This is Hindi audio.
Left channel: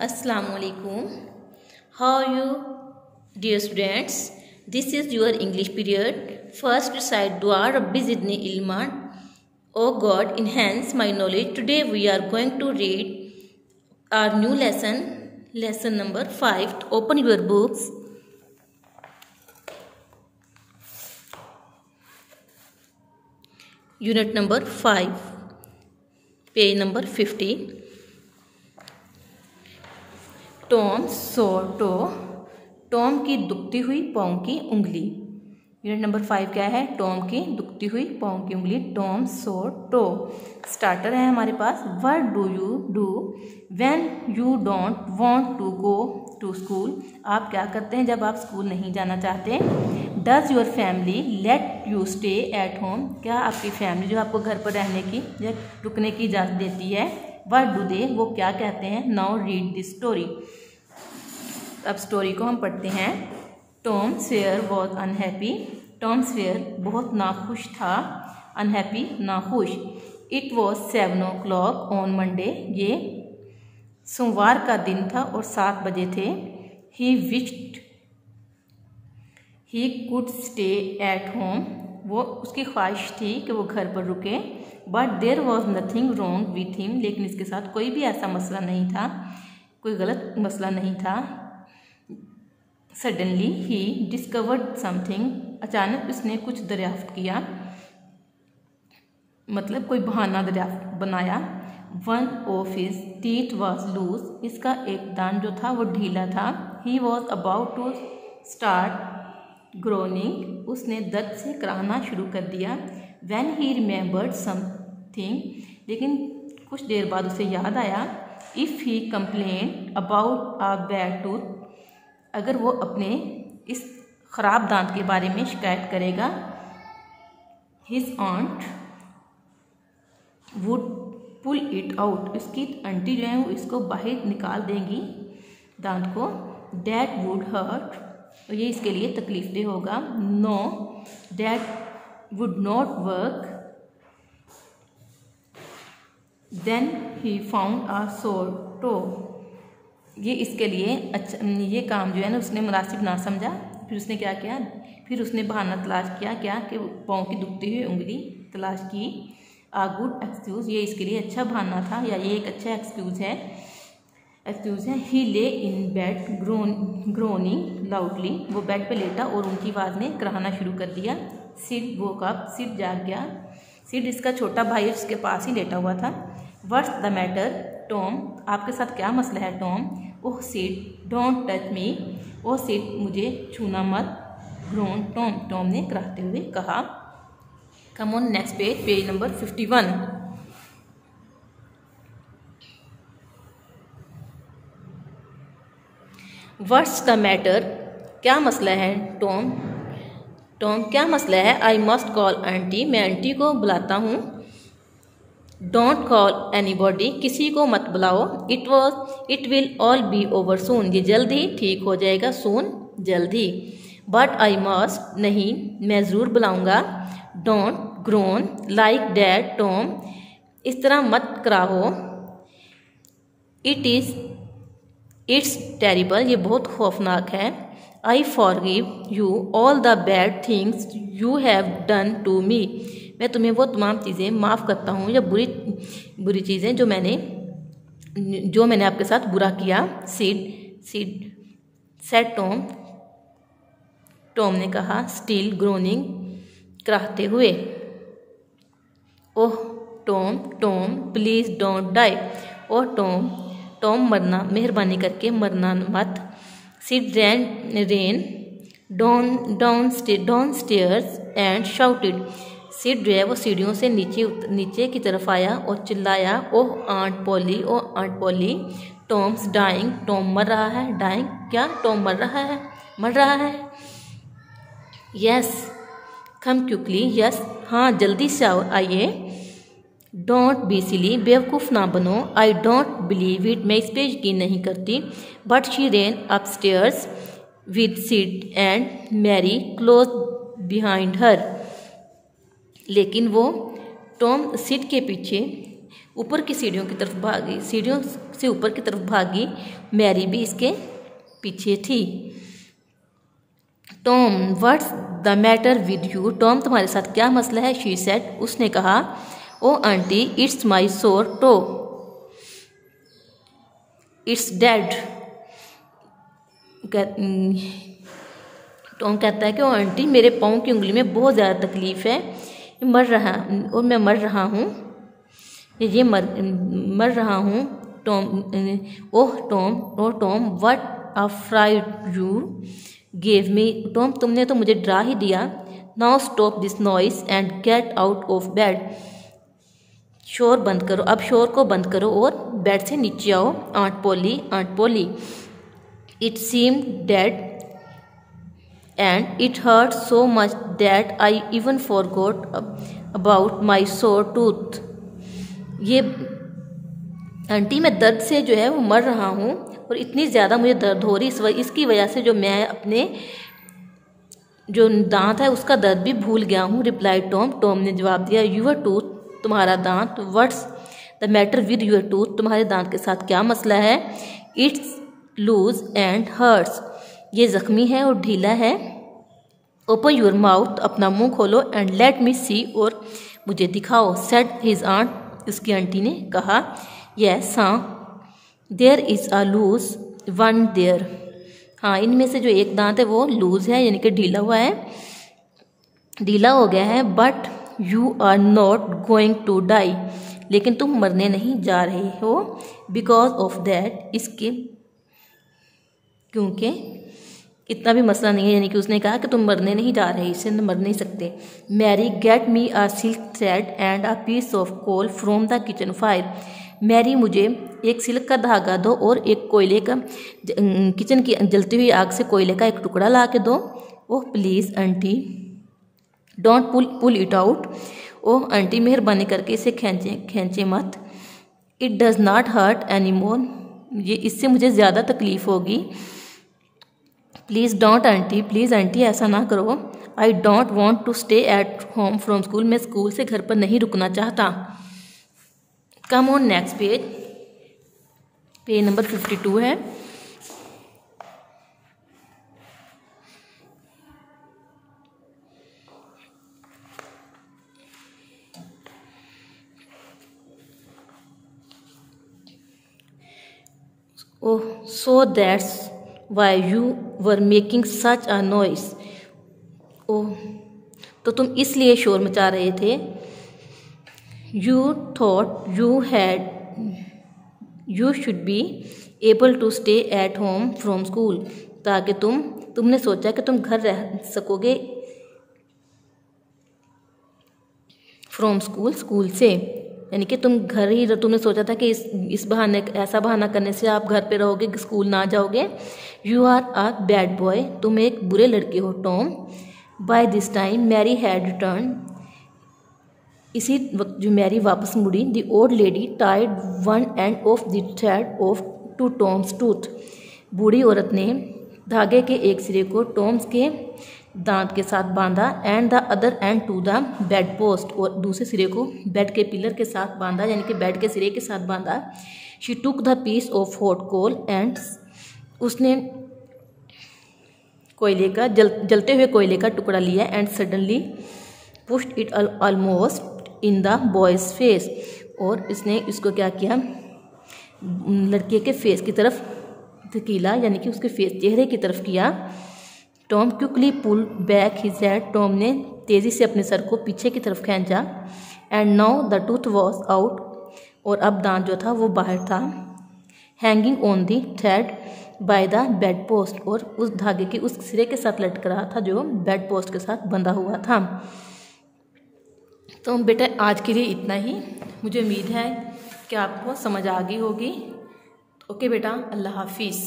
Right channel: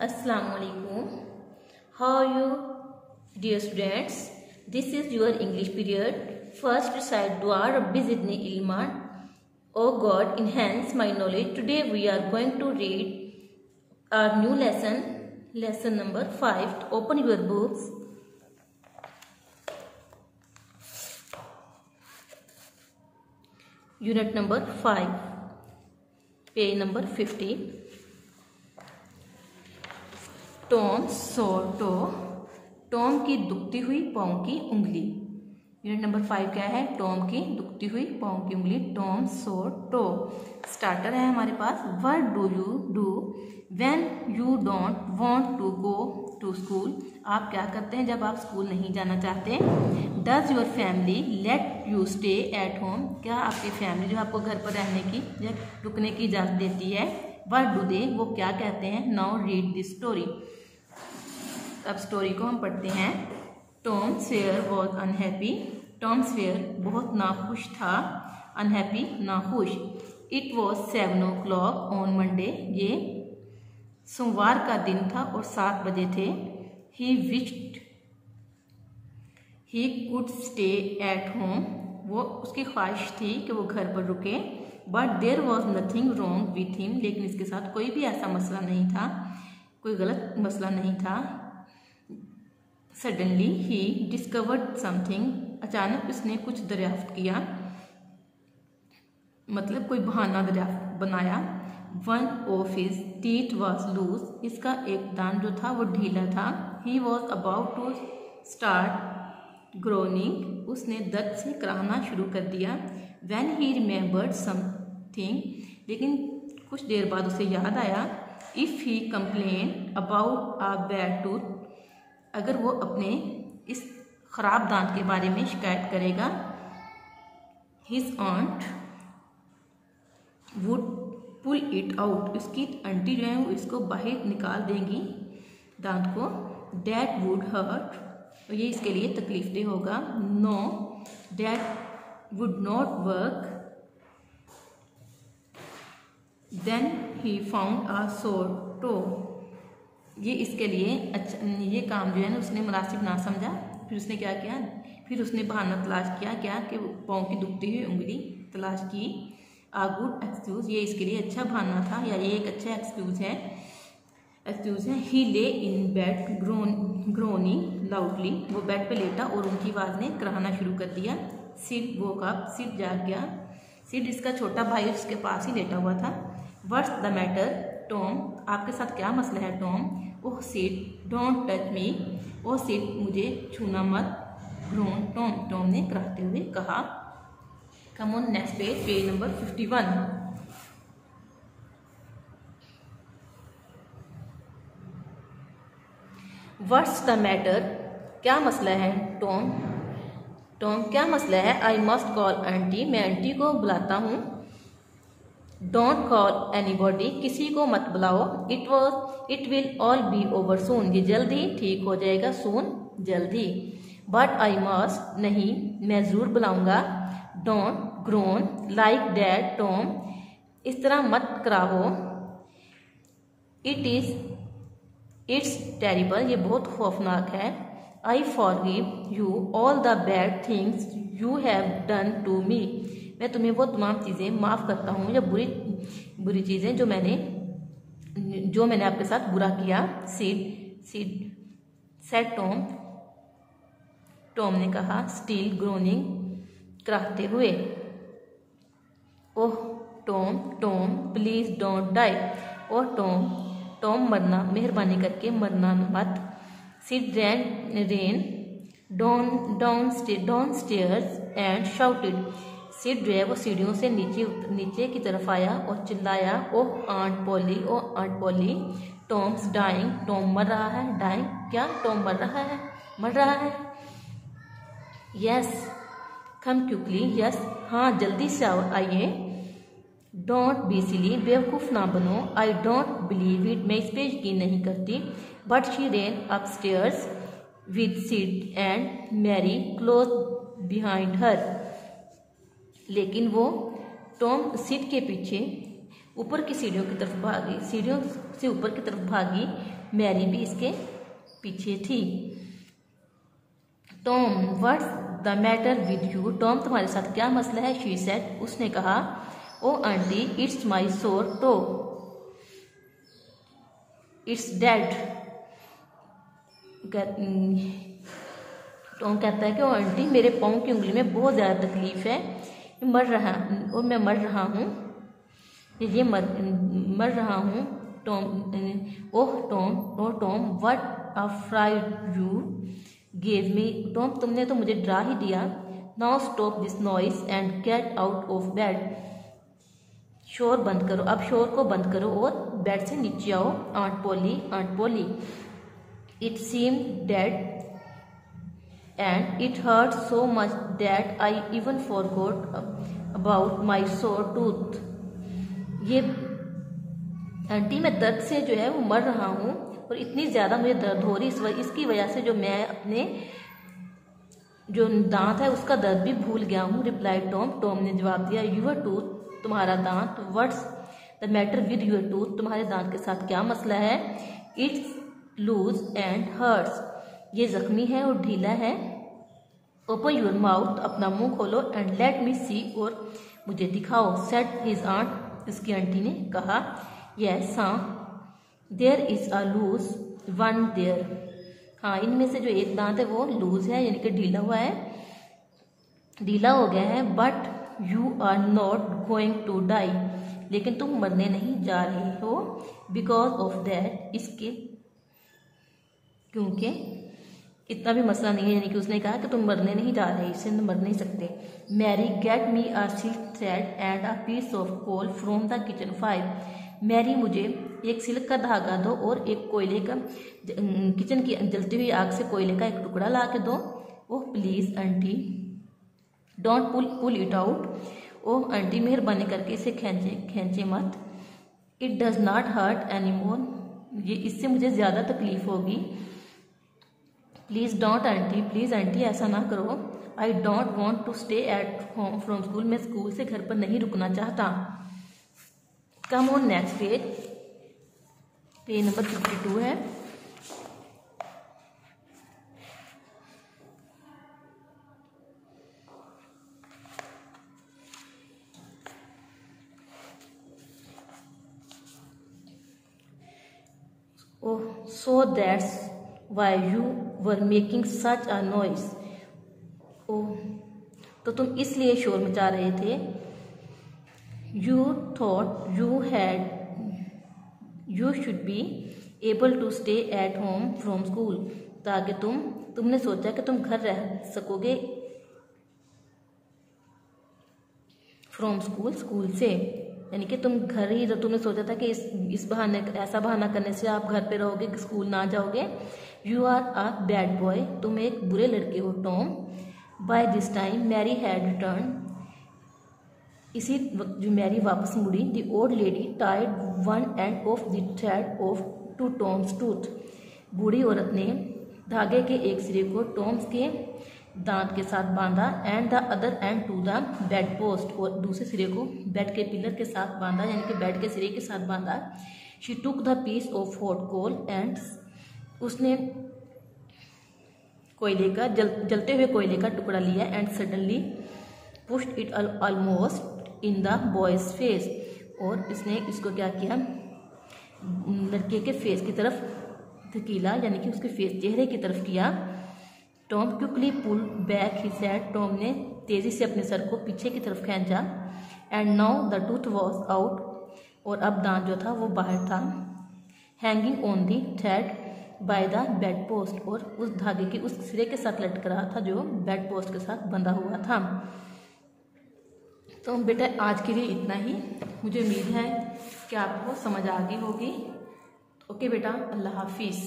Assalamualaikum. How are you, dear students? This is your English period. First recite Dua Rabbi Zidni Ilma. Oh God, enhance my knowledge. Today we are going to read our new lesson number 5. Open your books. Unit number 5. Page number 50. Tom sore toe, Tom की दुखती हुई पाँव की उंगली। यूनिट नंबर 5 क्या है? टॉम की दुखती हुई पाँव की उंगली। Tom sore to. स्टार्टर है हमारे पास। What do you do when you don't want to go to school? आप क्या करते हैं जब आप स्कूल नहीं जाना चाहते? Does your family let you stay at home? क्या आपकी फैमिली जो आपको घर पर रहने की या रुकने की इजाज़त देती है? व्हाट डू दे, वो क्या कहते हैं? Now read this story. अब स्टोरी को हम पढ़ते हैं। Tom Sawyer was unhappy. Tom Sawyer बहुत नाखुश था। अनहैप्पी नाखुश। It was 7 o'clock on Monday. ये सोमवार का दिन था और 7 बजे थे। He wished he could stay at home. वो उसकी ख्वाहिश थी कि वो घर पर रुके। But there was nothing wrong with him. लेकिन इसके साथ कोई भी ऐसा मसला नहीं था, कोई गलत मसला नहीं था। Suddenly he discovered something. अचानक उसने कुछ दरियाफ्त किया, मतलब कोई बहाना दरियाफ्त बनाया। One of his teeth was loose. इसका एक दांत जो था वो ढीला था। He was about to start groaning. उसने दर्द से कराहना शुरू कर दिया। When he remembered something. लेकिन कुछ देर बाद उसे याद आया। If he complain about a bad tooth, अगर वो अपने इस ख़राब दांत के बारे में शिकायत करेगा, his aunt would pull it out, उसकी आंटी जो है वो इसको बाहर निकाल देंगी दांत को। डैट वुड हर्ट, और ये इसके लिए तकलीफदेह होगा। No that would not work. Then he found a sore toe, ये इसके लिए अच्छा, ये काम जो है ना उसने मुनासिब ना समझा। फिर उसने क्या किया? फिर उसने बहाना तलाश किया, क्या कि पाँव की दुखती हुई उंगली तलाश की। आ गुड एक्सक्यूज़, ये इसके लिए अच्छा बहाना था या ये एक अच्छा एक्सक्यूज़ है। ही ले इन बेड ग्रोनिंग लाउडली। वो बेड पे लेटा और उनकी आवाज़ ने कराहना शुरू कर दिया। सिड वोक अप, सिड जाग गया। सिड इसका छोटा भाई उसके पास ही लेटा हुआ था। व्हाट्स द मैटर टॉम, आपके साथ क्या मसला है Tom? Oh Sid don't touch me. Oh Sid मुझे छूना मत। ग्रोन टॉम, टॉम ने कराहते हुए कहा। कम on next page, page number 51। What's the matter, क्या मसला है टॉम? टॉम क्या मसला है? आई मस्ट कॉल आंटी, मैं आंटी को बुलाता हूँ। डोंट कॉल एनीबॉडी, किसी को मत बुलाओ। It will all B over soon, ये जल्द ही ठीक हो जाएगा। सून जल्द ही। बट आई मस्ट, नहीं मैं ज़रूर बुलाऊंगा। Don't groan like that Tom, इस तरह मत कराहो। इट्स टेरिबल, ये बहुत खौफनाक है। I forgive you all the bad things you have done to me, मैं तुम्हें वो तमाम चीज़ें माफ़ करता हूँ या बुरी चीज़ें जो मैंने आपके साथ बुरा किया। सेड टॉम, टॉम ने कहा। स्टिल ग्रोनिंग, कराहते हुए। Oh Tom please don't die. Oh Tom मरना, मेहरबानी करके मरना मत। Sid ran downstairs and shouted. Sid जो है वो सीढ़ियों से नीचे की तरफ आया और चिल्लाया। Oh aunt Polly Tom's dying, Tom मर रहा है। डाइंग क्या? टॉम मर रहा है। यस कम क्विकली, यस हाँ जल्दी से आइए। डोंट बी सिली, बेवकूफ़ ना बनो। आई डोंट बिलीव इट, मैं इस पे यकीन नहीं करती। But she ran upstairs with Sid and Mary close behind her. लेकिन वो टॉम सिड के पीछे ऊपर की सीढ़ियों की तरफ भागी, सीढ़ियों से ऊपर की तरफ भागी। मैरी भी इसके पीछे थी। Tom, what's the matter with you? Tom, तुम्हारे साथ क्या मसला है? शी सेड, उसने कहा। ओ आंटी, इट्स माई सोर टो, इट्स डेड। टॉम कहता है कि ओ आंटी, मेरे पाँव की उंगली में बहुत ज़्यादा तकलीफ़ है, मैं मर रहा हूँ, ये मर रहा हूँ। Tom, oh Tom, what a fried you gave me? Tom, तुमने तो मुझे डरा ही दिया। Now stop this noise and get out of bed. शोर बंद करो, अब शोर को बंद करो और बेड से नीचे आओ। Aunt Polly, it seem dead and it hurt so much that I even forgot about my sore tooth. ये आंटी, मैं दर्द से जो है वो मर रहा हूँ और इतनी ज़्यादा मुझे दर्द हो रही, इसकी वजह से जो मैं अपने जो दांत है उसका दर्द भी भूल गया हूँ। रिप्लाइड टॉम, टॉम ने जवाब दिया। यूर टूथ, तुम्हारा दांत। What's the matter with your tooth? तुम्हारे दांत के साथ क्या मसला है? इट्स लूज एंड हर्ट्स, ये ज़ख्मी है और ढीला है। ओपन योर माउथ, अपना मुंह खोलो। एंड लेट मी सी, और मुझे दिखाओ। सेड हिज आंट, उसकी आंटी ने कहा। यस, हाँ। There is a loose one there, हाँ, इनमें से जो एक दांत है वो लूज है, यानी कि ढीला हुआ है, ढीला हो गया है। But you are not going to die, लेकिन तुम मरने नहीं जा रहे हो। बिकॉज ऑफ दैट, इसके क्योंकि इतना भी मसला नहीं है, यानी कि उसने कहा कि तुम मरने नहीं जा रहे, इससे मर नहीं सकते। Mary, get me a silk thread and a piece of coal from the kitchen fire. Mary, मुझे एक सिल्क का धागा दो और एक कोयले का, किचन की जलती हुई आग से कोयले का एक टुकड़ा ला के दो। Oh please auntie, don't pull it out. Oh auntie, मेहरबानी करके इसे खींचे मत। It does not hurt any more, ये इससे मुझे ज़्यादा तकलीफ़ होगी। Please don't auntie, please auntie ऐसा ना करो। I don't want to stay at home from school, मैं स्कूल से घर पर नहीं रुकना चाहता। Come on next page, page number 52 है। Oh, so that's why you were making such a noise. Oh, तो तुम इसलिए शोर मचा रहे थे। You thought you should be able to stay at home from school, ताकि तुमने सोचा कि तुम घर रह सकोगे फ्रॉम स्कूल से, यानी कि तुम घर ही, तुमने सोचा था कि इस बहाने, ऐसा बहाना करने से आप घर पे रहोगे, स्कूल ना जाओगे। You are a bad boy, तुम एक बुरे लड़के हो Tom. By this time Mary had return, इसी वक्त जो मैरी वापस मुड़ी। The old lady tied one end of the thread of to Tom's tooth, बूढ़ी औरत ने धागे के एक सिरे को टॉम्स के दांत के साथ बांधा। And the other end to the bed post, और दूसरे सिरे को बेड के पिलर के साथ बांधा, यानी कि बेड के सिरे के साथ बांधा। She took the piece of hot coal and, उसने कोयले का जलते हुए कोयले का टुकड़ा लिया। And suddenly pushed it almost in the boy's face, और इसने इसको क्या किया, लड़के के फेस की तरफ धकेला, यानी कि उसके फेस, चेहरे की तरफ किया। Tom quickly pull back his head, Tom ने तेज़ी से अपने सर को पीछे की तरफ खींचा। And now the tooth was out, और अब दांत जो था वो बाहर था। Hanging on the thread by the bed post, और उस धागे के उस सिरे के साथ लटक रहा था जो बेड पोस्ट के साथ बंधा हुआ था। तो बेटा आज के लिए इतना ही, मुझे उम्मीद है कि आपको समझ आ गई होगी। ओके बेटा, अल्लाह हाफिज़।